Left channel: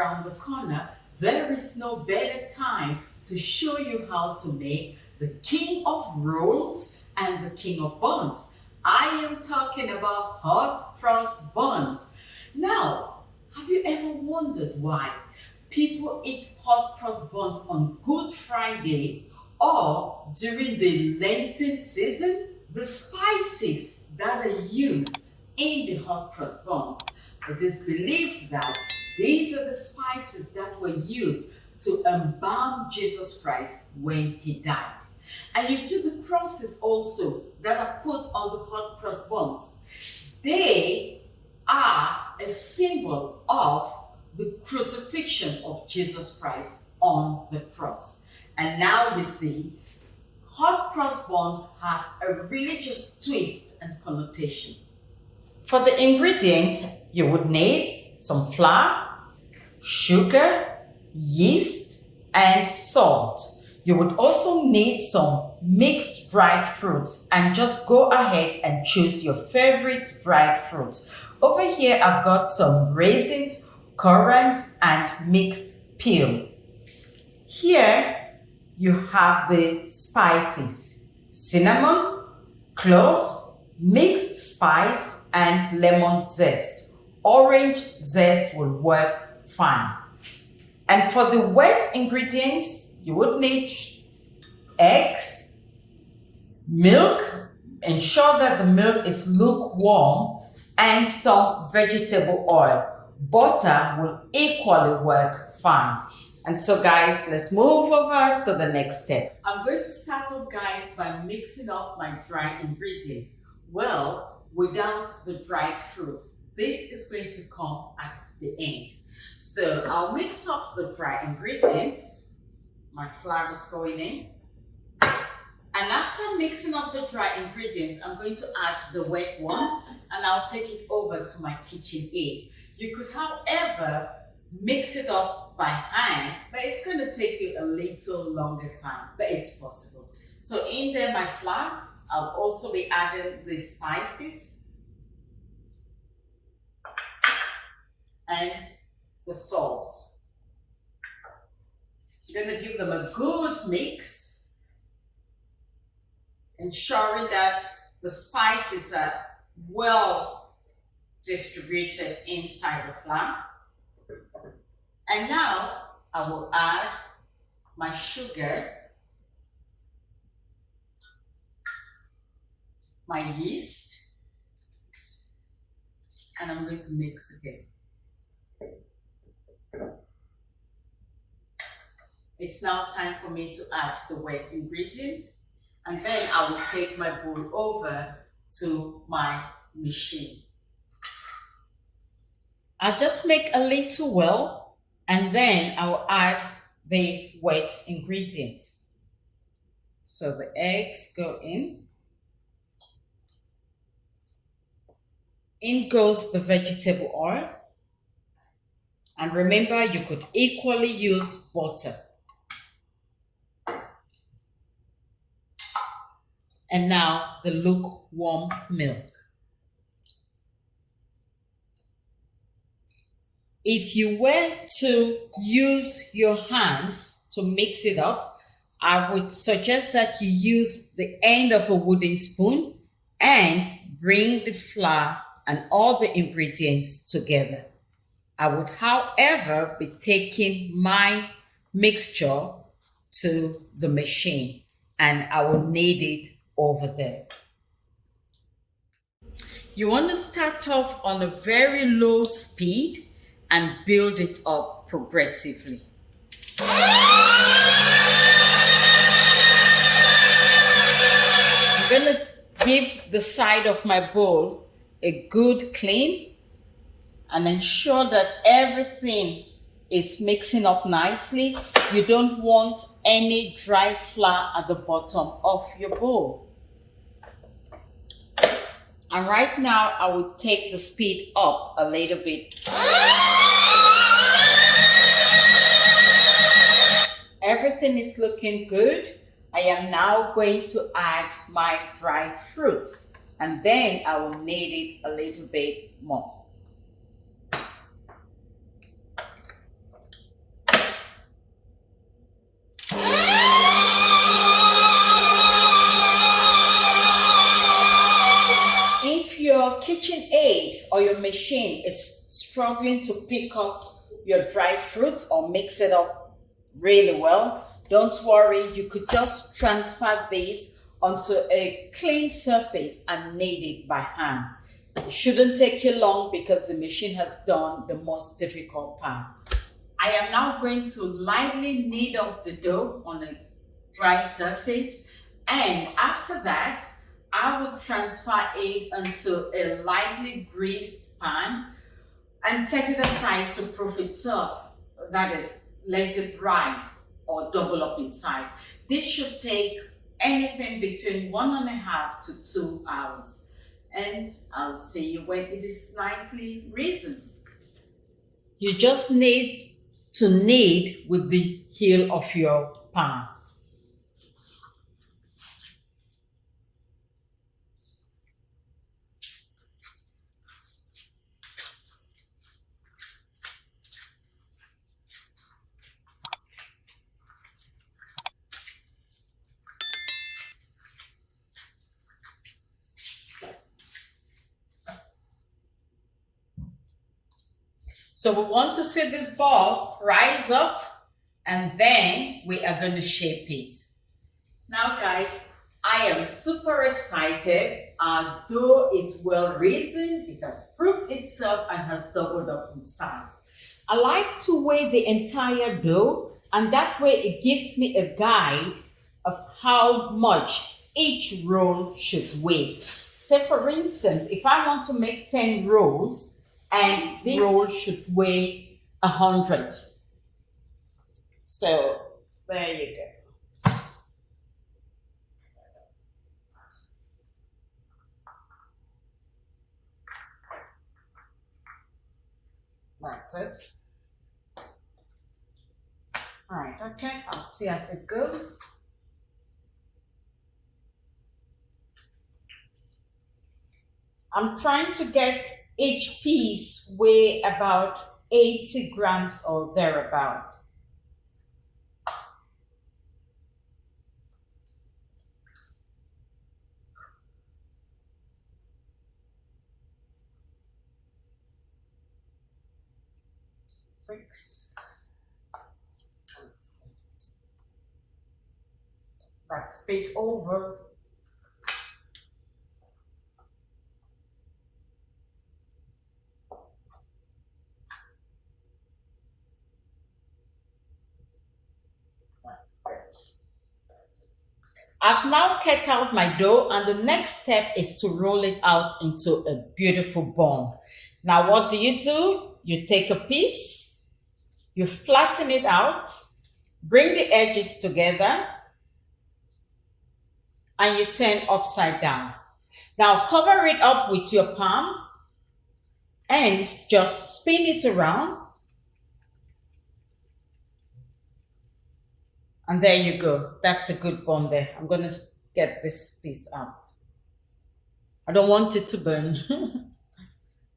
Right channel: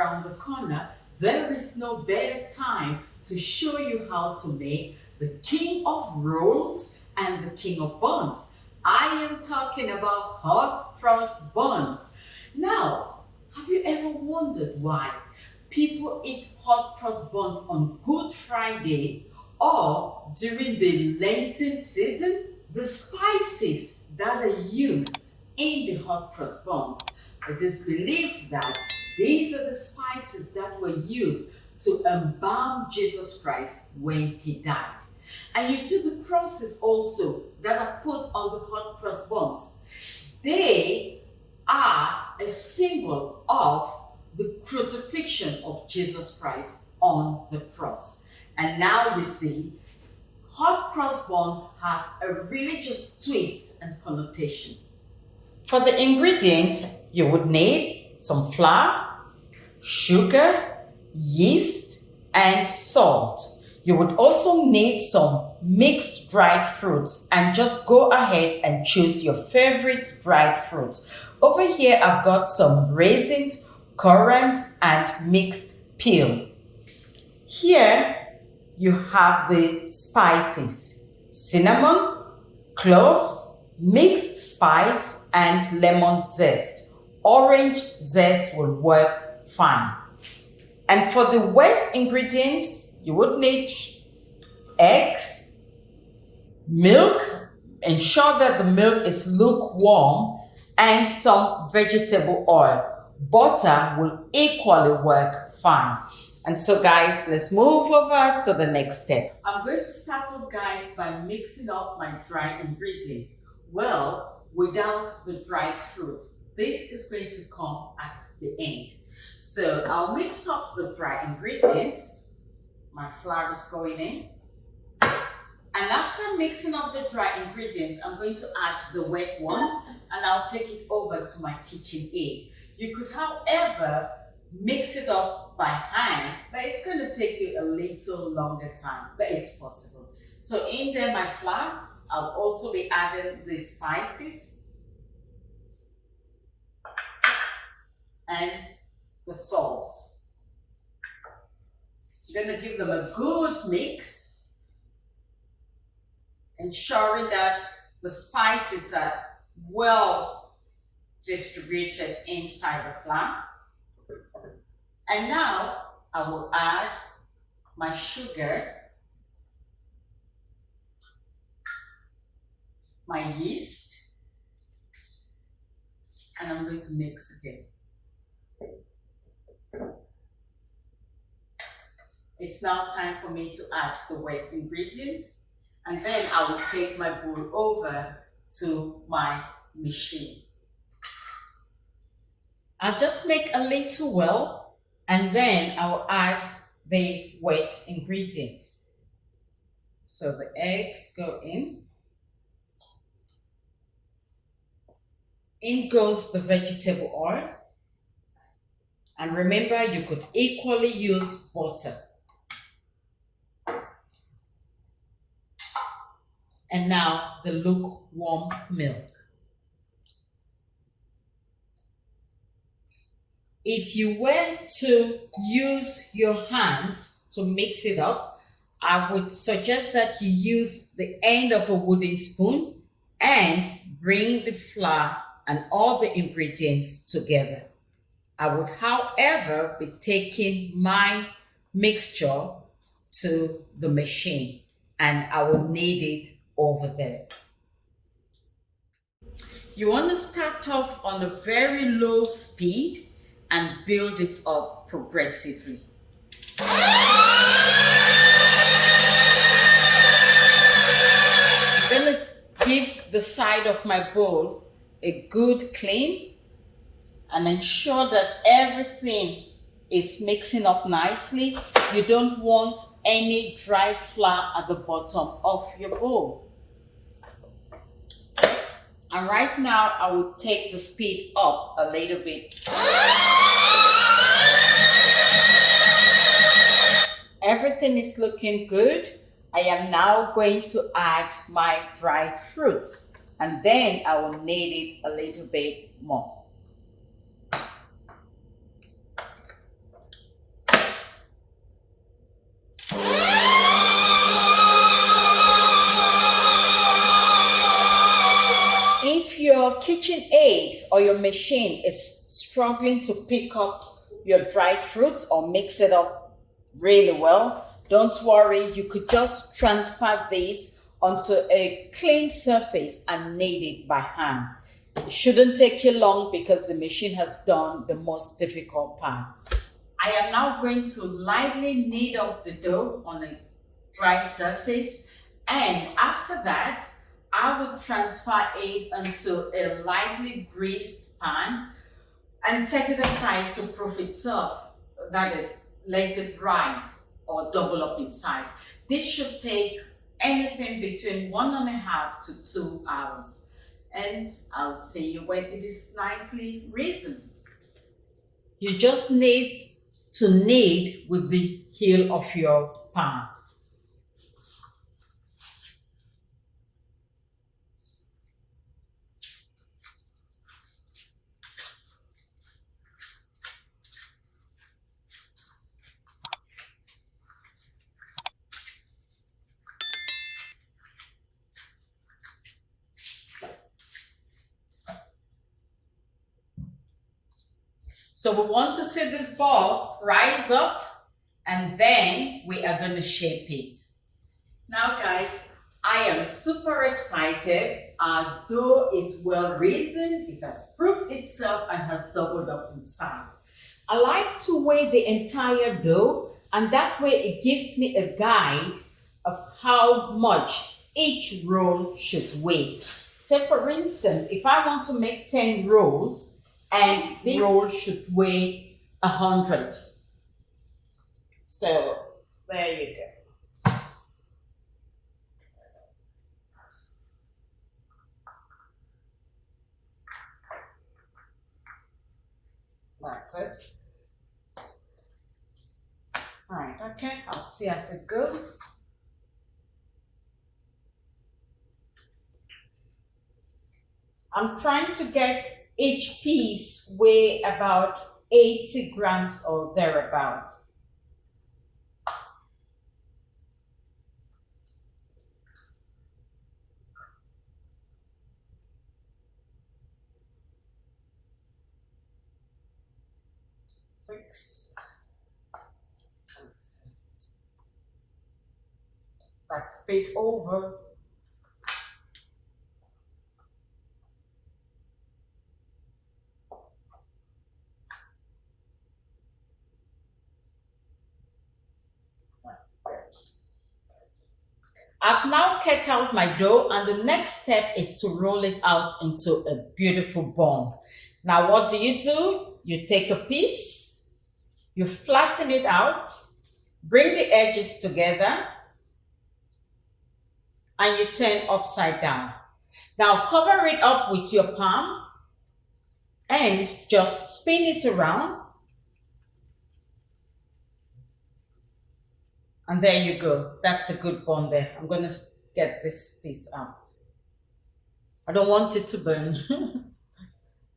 around the corner, there is no better time to show you how to make the king of rolls and the king of buns. I am talking about hot cross buns. Now, have you ever wondered why people eat hot cross buns on Good Friday or during the Lenten season? The spices that are used in the hot cross buns, it is believed that these are the spices that were used to embalm Jesus Christ when he died. And you see the crosses also that are put on the hot cross buns. They are a symbol of the crucifixion of Jesus Christ on the cross. And now you see, hot cross buns has a religious twist and connotation. For the ingredients, you would need some flour, sugar, yeast, and salt. You would also need some mixed dried fruits, and just go ahead and choose your favorite dried fruits. Over here, I've got some raisins, currants, and mixed peel. Here, you have the spices: cinnamon, cloves, mixed spice, and lemon zest. Orange zest will work fine. And for the wet ingredients, you would need eggs, milk, ensure that the milk is lukewarm, and some vegetable oil. Butter will equally work fine. And so guys, let's move over to the next step. I'm going to start off, guys, by mixing up my dry ingredients. Well, without the dried fruits, this is going to come at the end. So I'll mix up the dry ingredients. My flour is going in. And after mixing up the dry ingredients, I'm going to add the wet ones, and I'll take it over to my kitchen aid. You could, however, mix it up by hand, but it's going to take you a little longer time, but it's possible. So in there, my flour, I'll also be adding the spices and the salt. I'm going to give them a good mix, ensuring that the spices are well distributed inside the flour. And now I will add my sugar, my yeast, and I'm going to mix again. It's now time for me to add the wet ingredients, and then I will take my bowl over to my machine. I'll just make a little well, and then I will add the wet ingredients. So the eggs go in. In goes the vegetable oil. And remember, you could equally use butter. And now the lukewarm milk. If you were to use your hands to mix it up, I would suggest that you use the end of a wooden spoon and bring the flour and all the ingredients together. I would, however, be taking my mixture to the machine, and I will knead it over there. You want to start off on a very low speed and build it up progressively. You're going to give the side of my bowl a good clean and ensure that everything is mixing up nicely. You don't want any dry flour at the bottom of your bowl. And right now, I will take the speed up a little bit. Everything is looking good. I am now going to add my dried fruits, and then I will knead it a little bit more. or your machine is struggling to pick up your dried fruits or mix it up really well, don't worry, you could just transfer these onto a clean surface and knead it by hand. It shouldn't take you long because the machine has done the most difficult part. I am now going to lightly knead up the dough on a dry surface, and after that I will transfer it into a lightly greased pan and set it aside to proof itself. That is, let it rise or double up in size. This should take anything between 1.5 to 2 hours. And I'll see you when it is nicely risen. You just need to knead with the heel of your pan. So we want to see this ball rise up, and then we are going to shape it. Now guys, I am super excited. Our dough is well risen. It has proved itself and has doubled up in size. I like to weigh the entire dough, and that way it gives me a guide of how much each roll should weigh. Say for instance, if I want to make 10 rolls, and this roll should weigh 100. So there you go. That's it. All right, okay, I'll see as it goes. I'm trying to get each piece weigh about 80 grams or thereabout. That's big over. I've now cut out my dough, and the next step is to roll it out into a beautiful ball. Now what do? You take a piece, you flatten it out, bring the edges together, and you turn upside down. Now cover it up with your palm and just spin it around. And there you go. That's a good bun there. I'm going to get this piece out. I don't want it to burn.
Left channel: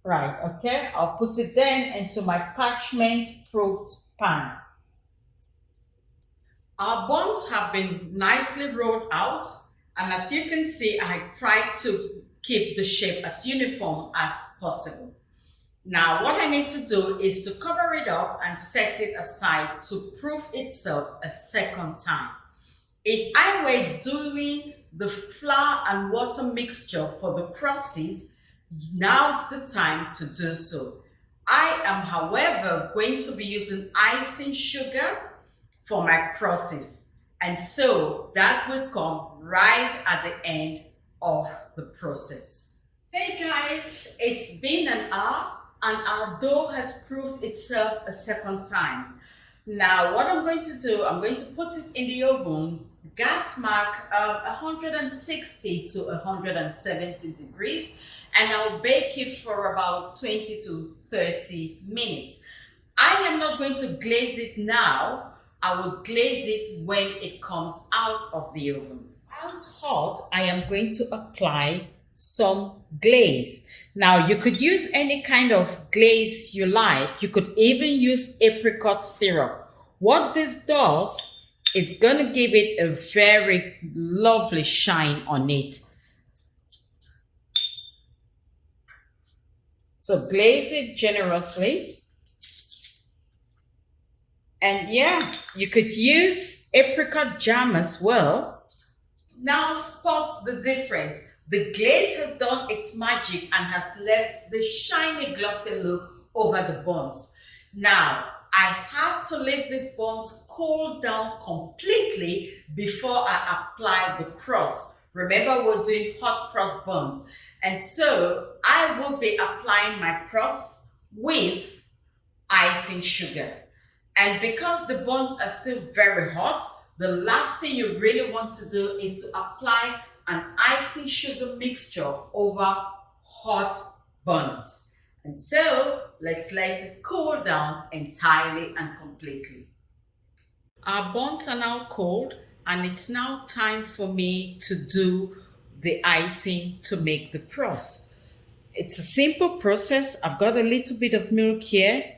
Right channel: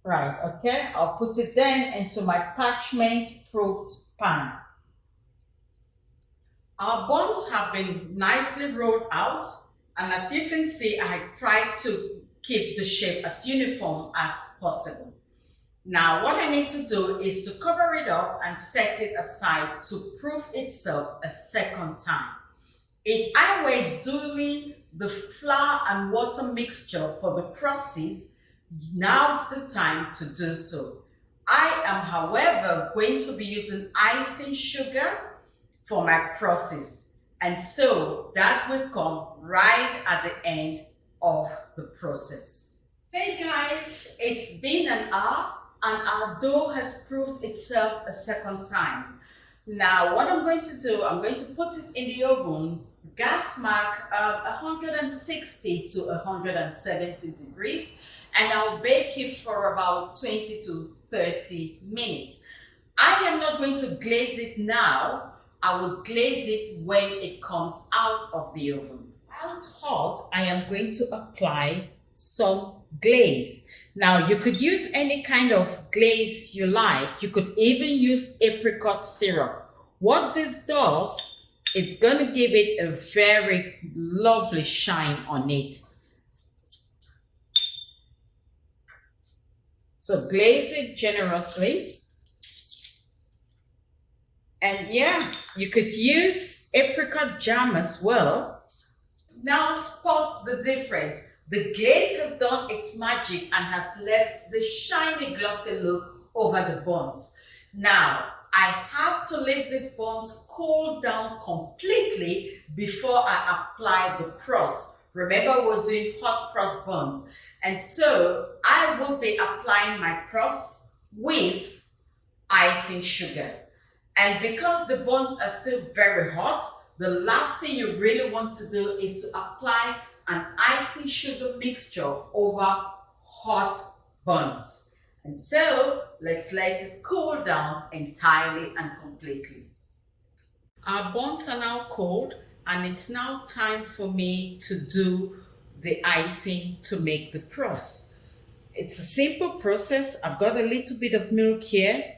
Right, okay. I'll put it then into my parchment-proofed pan. Our buns have been nicely rolled out. And as you can see, I tried to keep the shape as uniform as possible. Now, what I need to do is to cover it up and set it aside to proof itself a second time. If I were doing the flour and water mixture for the crosses, now's the time to do so. I am, however, going to be using icing sugar for my crosses, and so that will come right at the end of the process. Hey guys, it's been an hour and our dough has proved itself a second time. Now what I'm going to do, I'm going to put it in the oven, gas mark 160 to 170 degrees, and I'll bake it for about 20 to 30 minutes. I am not going to glaze it now. I will glaze it when it comes out of the oven. While it's hot, I am going to apply some glaze. Now you could use any kind of glaze you like. You could even use apricot syrup. What this does, it's going to give it a very lovely shine on it. So glaze it generously. And yeah, you could use apricot jam as well. Now spot the difference. The glaze has done its magic and has left the shiny glossy look over the buns. Now, I have to leave these buns cool down completely before I apply the crust. Remember, we're doing hot cross buns. And so I will be applying my crust with icing sugar. And because the buns are still very hot, the last thing you really want to do is to apply an icing sugar mixture over hot buns. And so let's let it cool down entirely and completely. Our buns are now cold and it's now time for me to do the icing to make the crust. It's a simple process. I've got a little bit of milk here,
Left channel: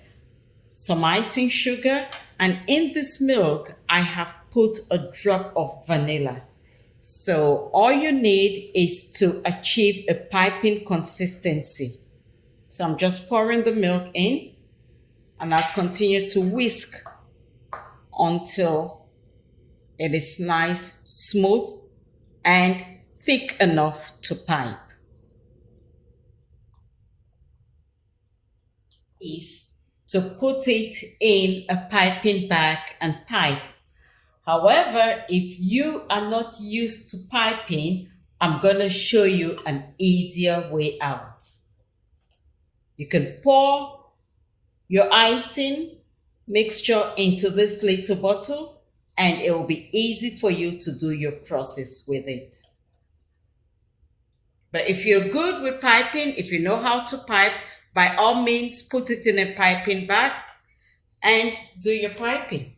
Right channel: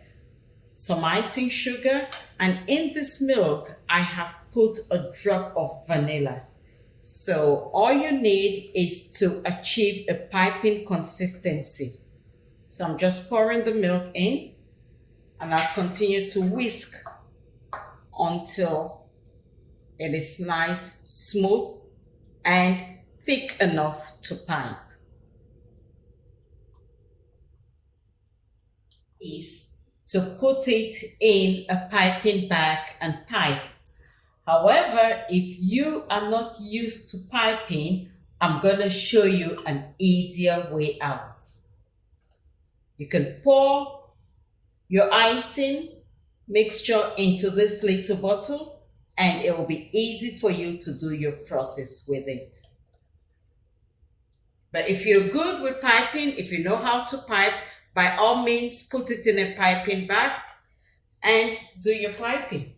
some icing sugar, and in this milk I have put a drop of vanilla. So all you need is to achieve a piping consistency. So I'm just pouring the milk in and I'll continue to whisk until it is nice, smooth, and thick enough to pipe. Is to put it in a piping bag and pipe. However, if you are not used to piping, I'm going to show you an easier way out. You can pour your icing mixture into this little bottle and it will be easy for you to do your process with it. But if you're good with piping, if you know how to pipe, by all means, put it in a piping bag and do your piping.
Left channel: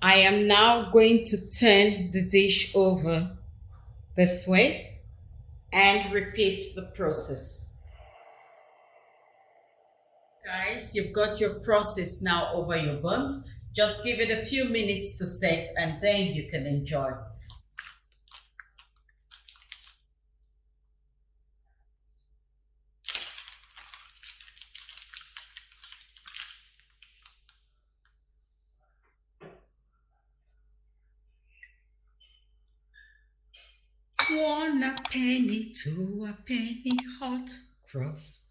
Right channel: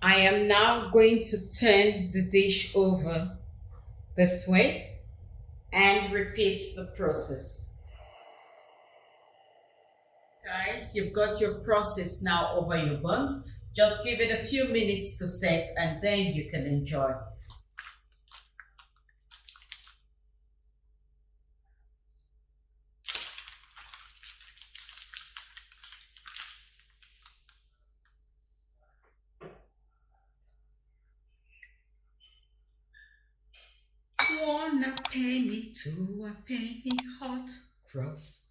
I am now going to turn the dish over this way and repeat the process. Guys, you've got your process now over your buns. Just give it a few minutes to set and then you can enjoy. One a penny, two a penny, hot cross